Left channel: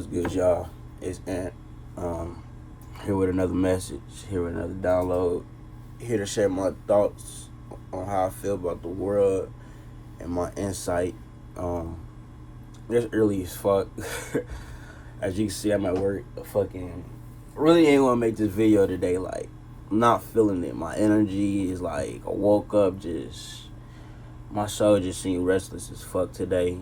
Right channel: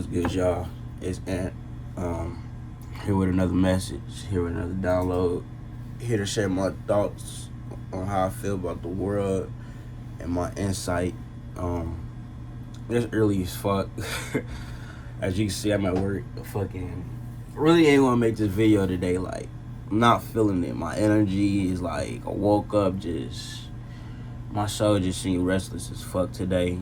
What's good, y'all? It's Ant. Here with another message, here with another download, here to share my thoughts on how I feel about the world and my insight. It's early as fuck. As you can see, I'm at work. Really ain't gonna make this video today. Like, I'm not feeling it. My energy is like, I woke up my soul just seemed restless as fuck today.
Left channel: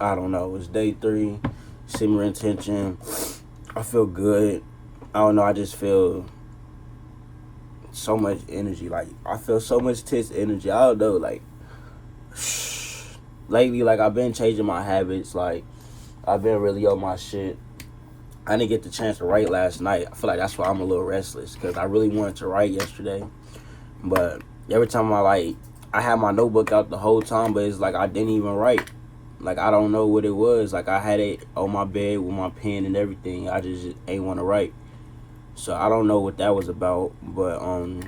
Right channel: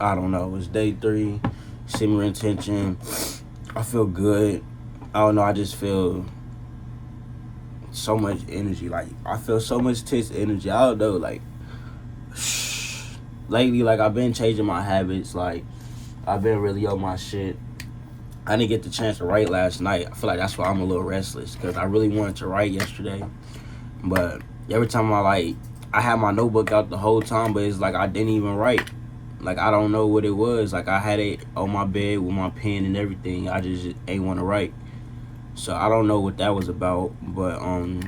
I don't know. It's day 3, similar intention. I feel good. I don't know. I just feel so much energy. Like, I feel so much tense energy. I don't know. Like, lately, like, I've been changing my habits. Like, I've been really on my shit. I didn't get the chance to write last night. I feel like that's why I'm a little restless, because I really wanted to write yesterday. But every time I had my notebook out the whole time, but it's like I didn't even write. Like, I don't know what it was. Like, I had it on my bed with my pen and everything. I just ain't want to write. So I don't know what that was about. But I'm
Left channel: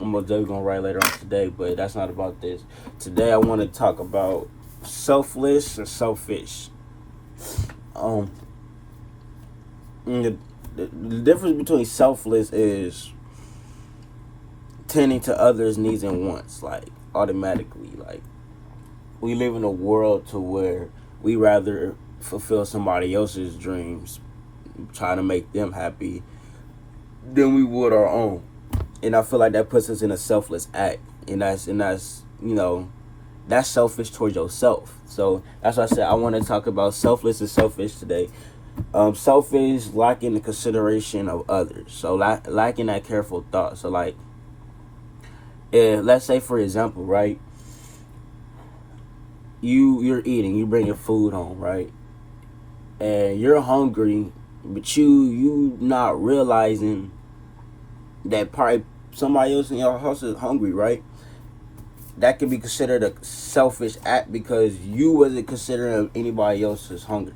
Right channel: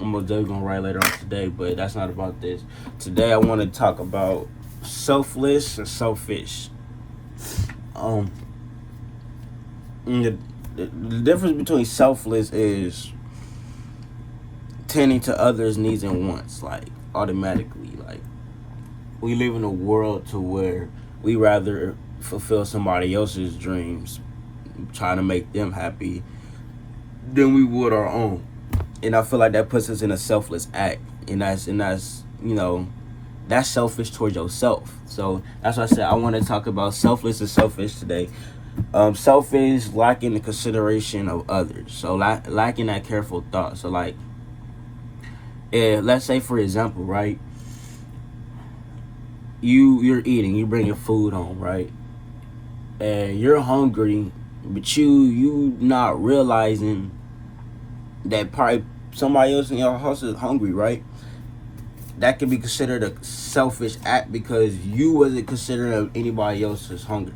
definitely gonna write later on today. But that's not about this. Today I want to talk about selfless and selfish. The difference between selfless is tending to others' needs and wants, like, automatically. Like, we live in a world to where we rather fulfill somebody else's dreams, trying to make them happy, than we would our own. And I feel like that puts us in a selfless act, and that's that's selfish towards yourself. So that's why I said I want to talk about selfless and selfish today. Selfish, lacking the consideration of others, so lacking that careful thought. So, like, let's say, for example, right, you're eating, you bring your food home, right, and you're hungry, but you not realizing that probably somebody else in your house is hungry, right? That could be considered a selfish act because you wasn't considering anybody else's hunger.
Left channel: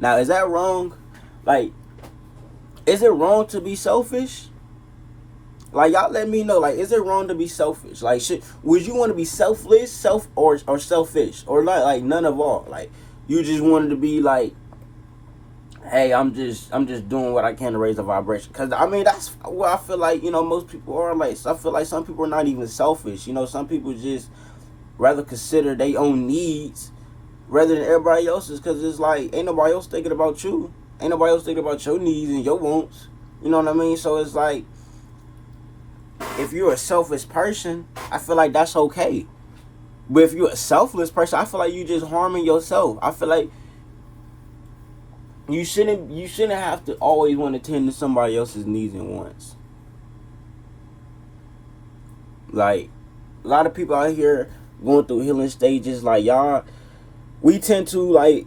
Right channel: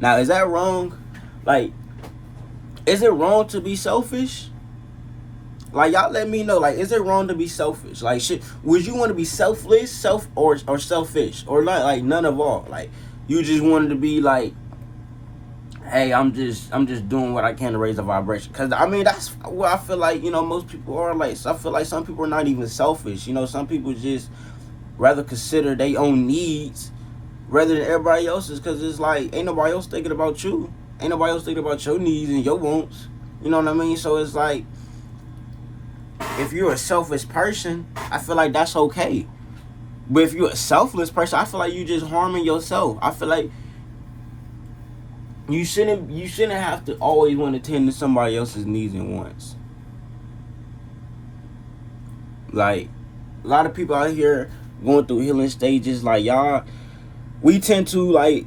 Now, is that wrong? Like, is it wrong to be selfish? Like, y'all let me know. Like, is it wrong to be selfish? Like, shit, would you want to be selfless, or selfish, or like none of all? Like, you just wanted to be like, hey, I'm just doing what I can to raise the vibration. Cause I mean, that's what I feel like. Most people are like. So I feel like some people are not even selfish. Some people just rather consider their own needs rather than everybody else's. Cause it's like, ain't nobody else thinking about you. Ain't nobody else thinking about your needs and your wants. You know what I mean? So it's like, if you're a selfish person, I feel like that's okay. But if you're a selfless person, I feel like you just harming yourself. I feel like you shouldn't have to always want to tend to somebody else's needs and wants. Like, a lot of people out here going through healing stages, like, y'all, we tend to, like,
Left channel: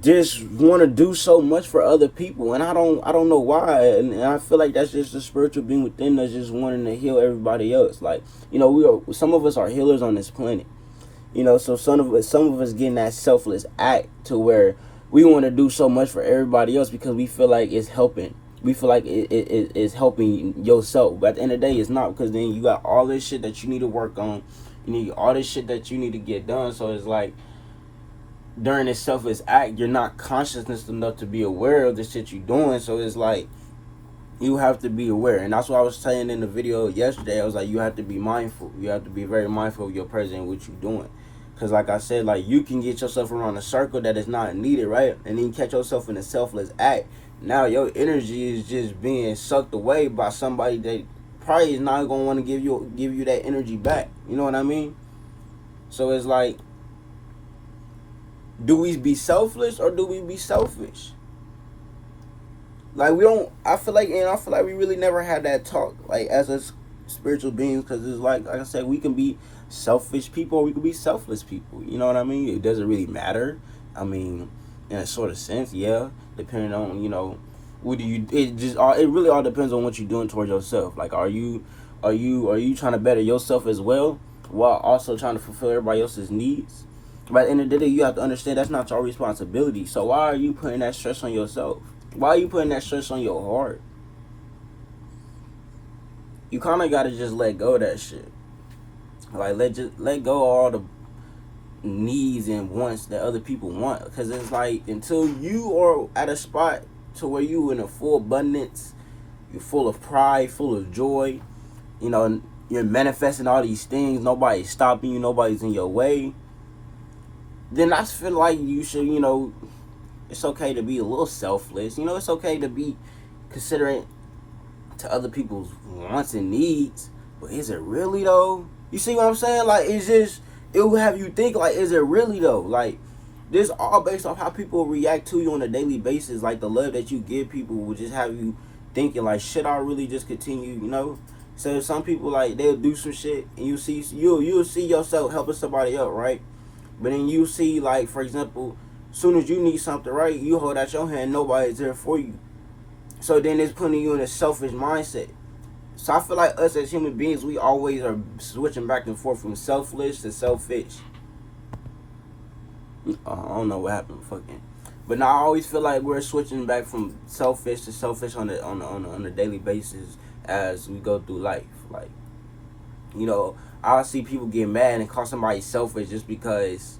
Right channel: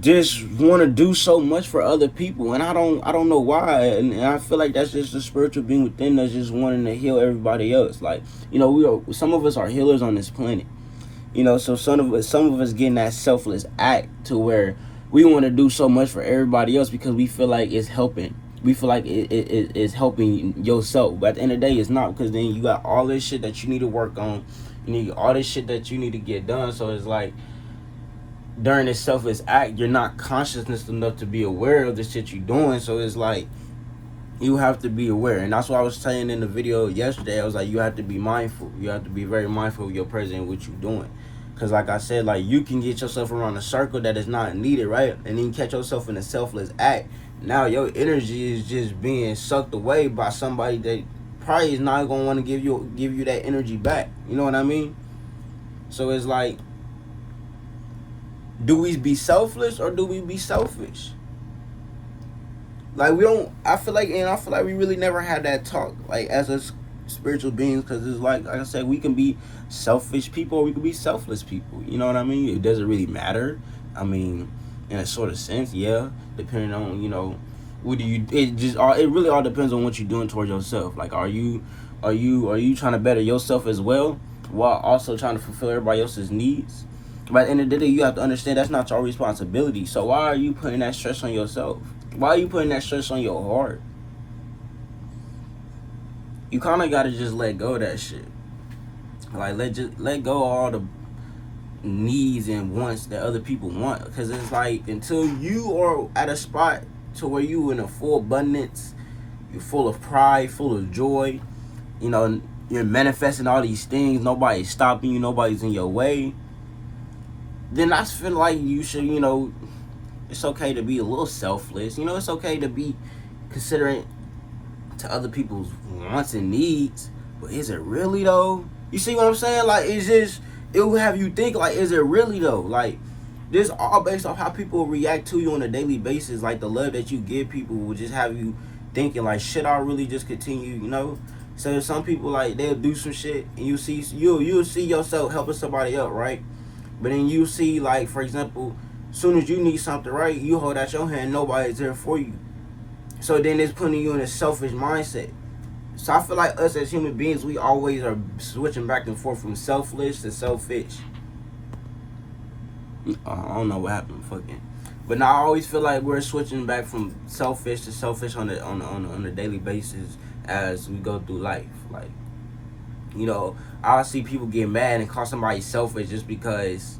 just want to do so much for other people, and I don't know why, and I feel like that's just the spiritual being within us, just wanting to heal everybody else. Like, some of us are healers on this planet, so some of us getting that selfless act to where we want to do so much for everybody else because we feel like it's helping. We feel like it's helping yourself, but at the end of the day, it's not, because then you got all this shit that you need to work on, you need all this shit that you need to get done. So it's like, during this selfless act, you're not conscious enough to be aware of the shit you're doing. So it's like, you have to be aware. And that's what I was saying in the video yesterday. I was like, you have to be mindful. You have to be very mindful of your presence and what you're doing. Because like I said, like, you can get yourself around a circle that is not needed, right? And then catch yourself in a selfless act. Now your energy is just being sucked away by somebody that probably is not going to want to give you that energy back. You know what I mean? So it's like, do we be selfless or do we be selfish? Like, I feel like we really never had that talk, like, as a spiritual beings, because it's like I said, we can be selfish people or we can be selfless people. You know what I mean? It doesn't really matter. I mean, in a sort of sense, yeah, depending on, what do you, it really all depends on what you're doing towards yourself. Like, are you trying to better yourself as well while also trying to fulfill everybody else's needs? But at the end of the day, you have to understand that's not your responsibility. So why are you putting that stress on yourself? Why are you putting that stress on your heart? You kind of got to just let go of that shit. Like, let go of all the needs and wants that other people want. Because it's like, until you are at a spot to where you in a full abundance, you're full of pride, full of joy, you know, you're manifesting all these things, nobody's stopping you, nobody's in your way, then I feel like you should, you know, it's okay to be a little selfless. You know, it's okay to be considerate to other people's wants and needs. But is it really though? You see what I'm saying? Like, it's just, it will have you think, like, is it really though? Like, this all based off how people react to you on a daily basis. Like, the love that you give people will just have you thinking, like, should I really just continue, you know? So some people, like, they'll do some shit and you'll see yourself helping somebody else, right? But then you see, like, for example, as soon as you need something, right, you hold out your hand, nobody's there for you. So then it's putting you in a selfish mindset. So I feel like us as human beings, we always are switching back and forth from selfless to selfish. I don't know what happened, fucking. But now I always feel like we're switching back from selfish to selfish on a daily basis as we go through life. Like, you know, I see people get mad and call somebody selfish just because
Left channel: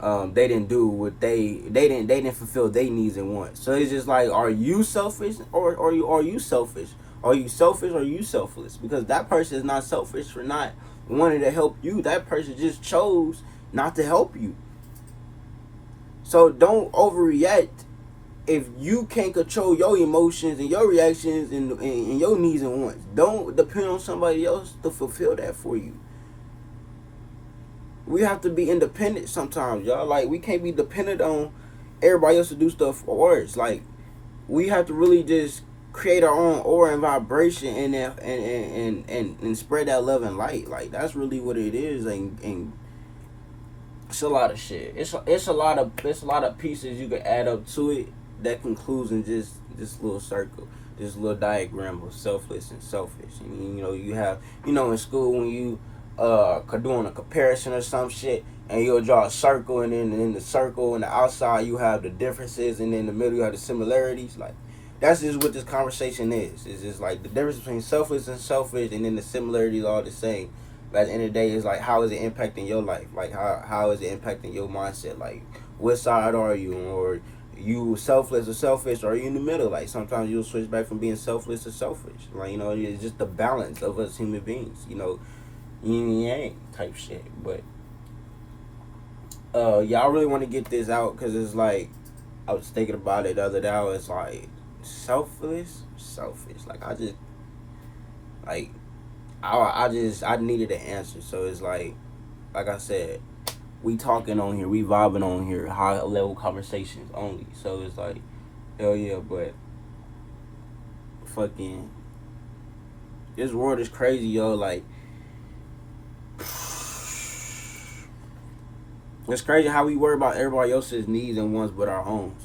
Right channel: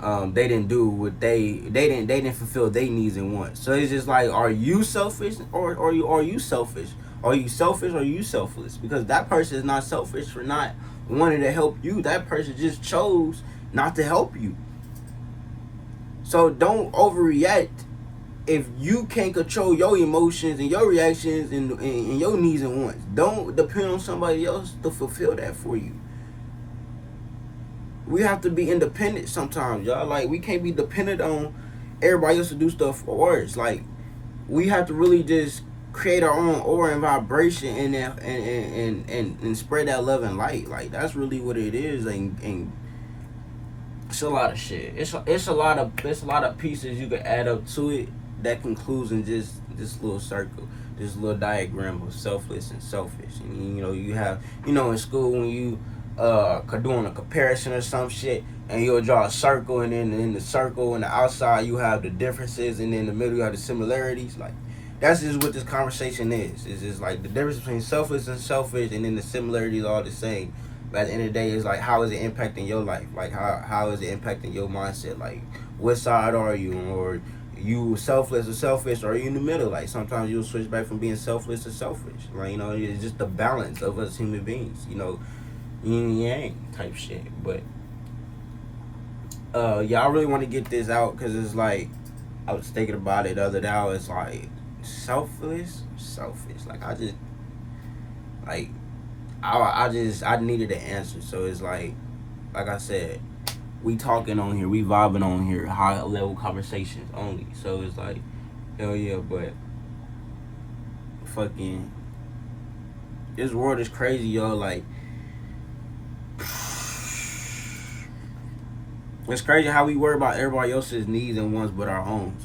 they didn't do what they didn't fulfill their needs and wants. So it's just like, are you selfish or are you selfish? Are you selfish or are you selfless? Because that person is not selfish for not wanting to help you. That person just chose not to help you. So don't overreact if you can't control your emotions and your reactions and your needs and wants. Don't depend on somebody else to fulfill that for you. We have to be independent sometimes, y'all. Like, we can't be dependent on everybody else to do stuff for us. Like, we have to really just create our own aura and vibration and spread that love and light. Like, that's really what it is. And it's a lot of shit. It's a lot of pieces you can add up to it that concludes in just this little circle, this little diagram of selfless and selfish. And, you know, you have, you know, in school when you doing a comparison or some shit, and you'll draw a circle, and then in the circle and the outside you have the differences, and then in the middle you have the similarities. Like, that's just what this conversation is. It's just like the difference between selfless and selfish, and then the similarities are all the same. But at the end of the day, it's like, how is it impacting your life? Like, how is it impacting your mindset? Like, what side are you? Or you selfless or selfish, or are you in the middle? Like, sometimes you'll switch back from being selfless to selfish. Like, you know, it's just the balance of us human beings, you know, yin and yang type shit. But y'all really want to get this out, because it's like, I was thinking about it the other day. I was like, selfish. Like, I needed an answer. So it's like I said, we talking on here, we vibing on here, high level conversations only. So it's like, hell yeah. But fucking, this world is crazy, yo. Like, it's crazy how we worry about everybody else's needs and wants but our own.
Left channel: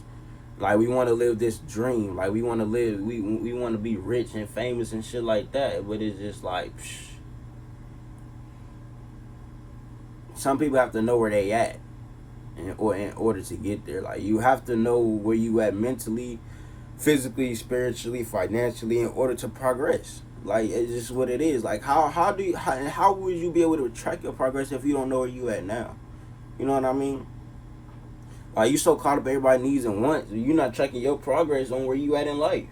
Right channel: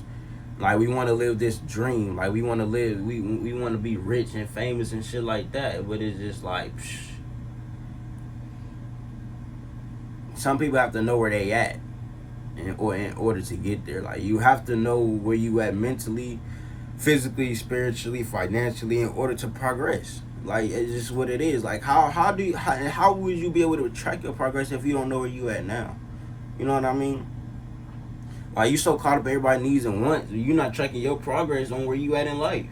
Like, we want to live this dream. Like, we want to live, we want to be rich and famous and shit like that. But it's just like, some people have to know where they at in order to get there. Like, you have to know where you at mentally, physically, spiritually, financially, in order to progress. Like, it's just what it is. Like, how would you be able to track your progress if you don't know where you at now? You know what I mean? Like, you so caught up everybody's needs and wants, you're not tracking your progress on where you at in life.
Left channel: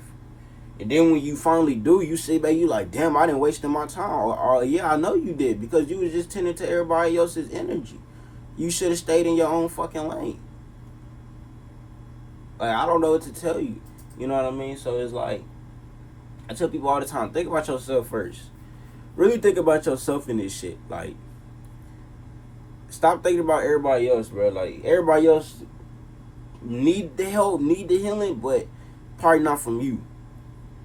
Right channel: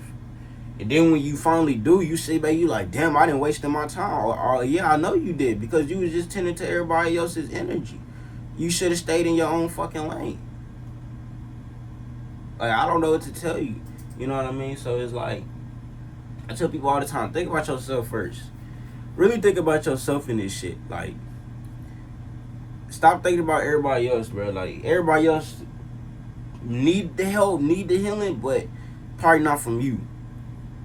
And then when you finally do, you sit back, you like, damn, I didn't waste my time. Or yeah, I know you did, because you was just tending to everybody else's energy. You should have stayed in your own fucking lane. Like, I don't know what to tell you. You know what I mean? So it's like, I tell people all the time, think about yourself first. Really think about yourself in this shit. Like, stop thinking about everybody else, bro. Like, everybody else need the help, need the healing, but probably not from you.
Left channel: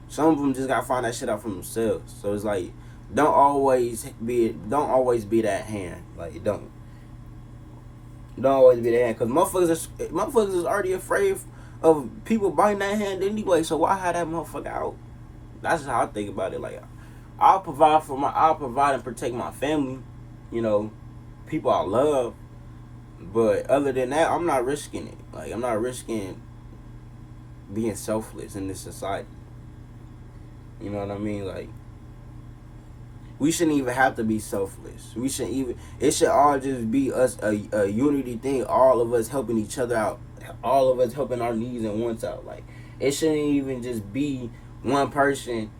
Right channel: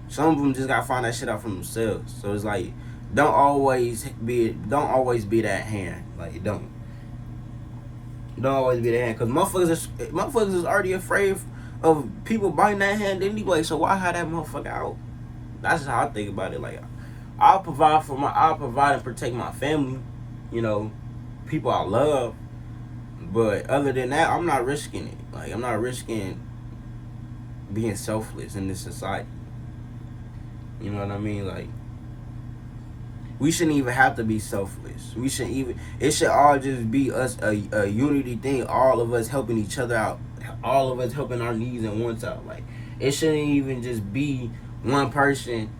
Some of them just gotta find that shit out for themselves. So it's like, don't always be that hand. Like, don't always be that hand, because motherfuckers is already afraid of people biting that hand anyway. So why have that motherfucker out? That's how I think about it. Like, I'll provide and protect my family, you know, people I love. But other than that, I'm not risking it. Like, I'm not risking being selfless in this society. You know what I mean? Like, we shouldn't even have to be selfless. We shouldn't even. It should all just be us a unity thing. All of us helping each other out. All of us helping our needs and wants out. Like it shouldn't even just be one person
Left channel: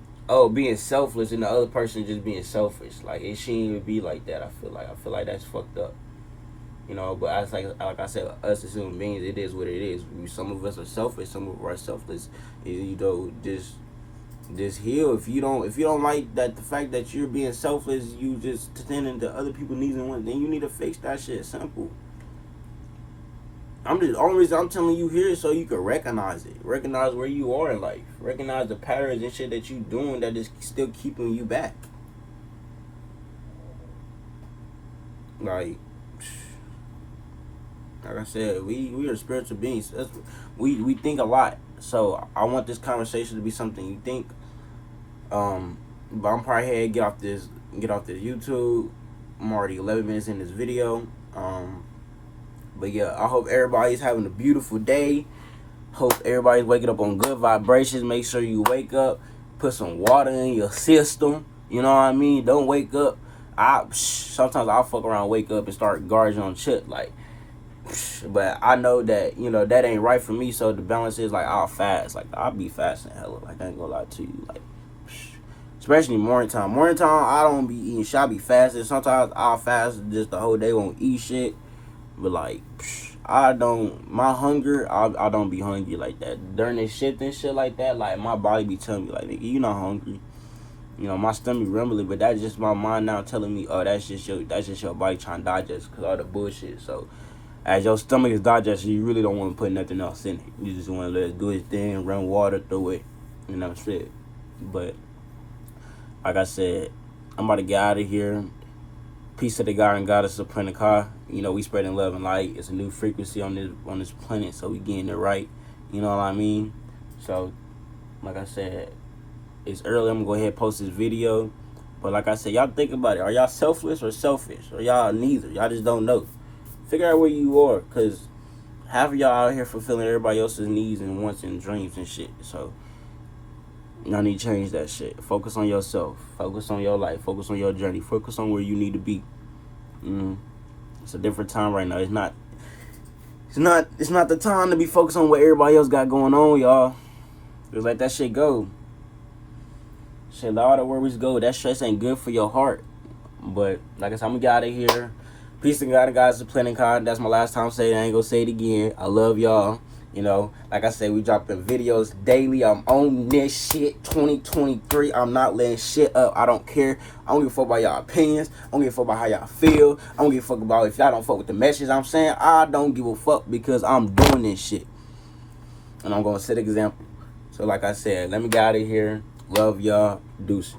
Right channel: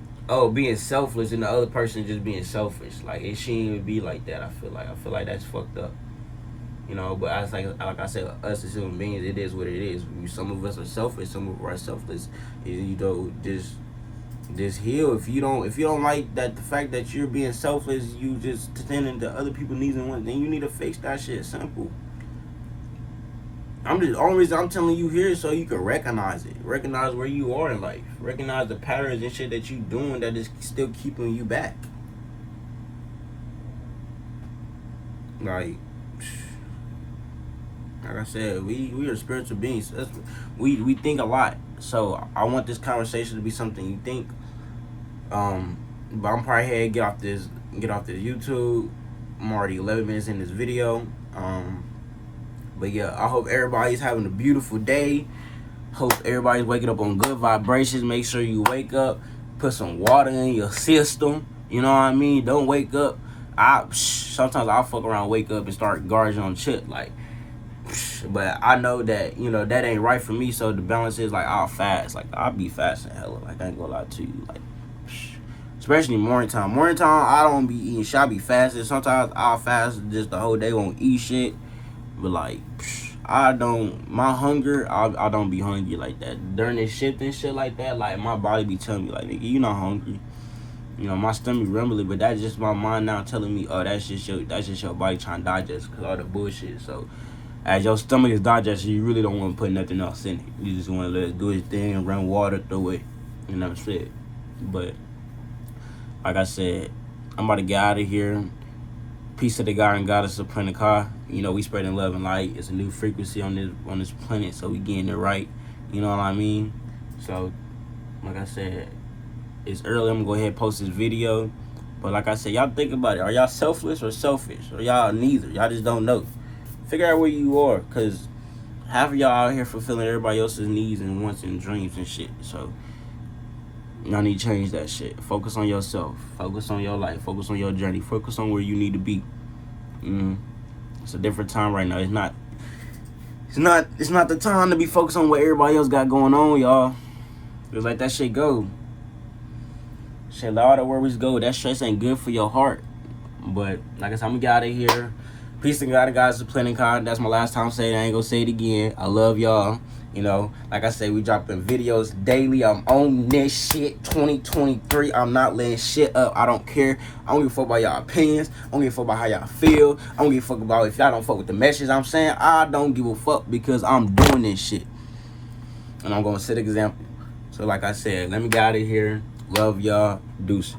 being selfless and the other person just being selfish. Like it shouldn't even be like that. I feel like that's fucked up. You know, but like I said, us as human beings, it is what it is. Some of us are selfish, some of us are selfless. You know, just heal. If you don't like that, the fact that you're being selfless, you just tending to other people's needs and wants, then you need to fix that shit. Simple. The only reason I'm telling you here is so you can recognize it, recognize where you are in life, recognize the patterns and shit that you doing that is still keeping you back. Like I said, we are spiritual beings. We think a lot. So I want this conversation to be something you think. But I'm probably here to get off this YouTube. I'm already 11 minutes in this video. But yeah, I hope everybody's having a beautiful day. Hope everybody's waking up on good vibrations. Make sure you wake up, put some water in your system. You know what I mean? Don't wake up. Sometimes I'll fuck around, wake up and start gorging on shit like. But I know that, you know, that ain't right for me. So the balance is like I'll fast. Like I'll be fasting hella. Like I ain't gonna lie to you. Like especially morning time. Morning time I don't be eating shit. I be fasting. Sometimes I'll fast just the whole day, won't eat shit. But like I don't, my hunger, I don't be hungry like that. During this shift and shit like that, like my body be telling me like, nigga, you not hungry. You know, my stomach rumbling, but that's just my mind now telling me, oh, that's just your body trying to digest because all the bullshit. So as your stomach is digesting, you really don't want to put nothing else in it. You just want to let it do its thing, run water through it, you know what I'm saying? But like I said, I'm about to get out of here. Peace to the God and Goddess of Planet. You know, we spreading love and light. It's a new frequency on this planet, so we getting it right. You know what I mean? So, like I said, it's early. I'm gonna go ahead and post this video. But like I said, y'all think about it. Are y'all selfless or selfish? Or y'all neither? Y'all just don't know. Figure out where you are, because half of y'all out here fulfilling everybody else's needs and wants and dreams and shit. So y'all need to change that shit. Focus on yourself. Focus on your life. Focus on your journey. Focus on where you need to be. It's a different time right now. It's not the time to be focused on what everybody else got going on, y'all. Just let that shit go. Shit, let all the worries go. That stress ain't good for your heart. But like I said, I'm gonna get out of here. Peace to God and guys of Planet Card. That's my last time saying it. I ain't gonna say it again. I love y'all. You know, like I said, we dropping videos daily. I'm on this shit 2023. I'm not letting shit up. I don't care. I don't give a fuck about y'all opinions. I don't give a fuck about how y'all feel. I don't give a fuck about if y'all don't fuck with the message I'm saying. I don't give a fuck because I'm doing this shit. And I'm gonna set an example. So like I said, let me get out of here. Love y'all. Deuces.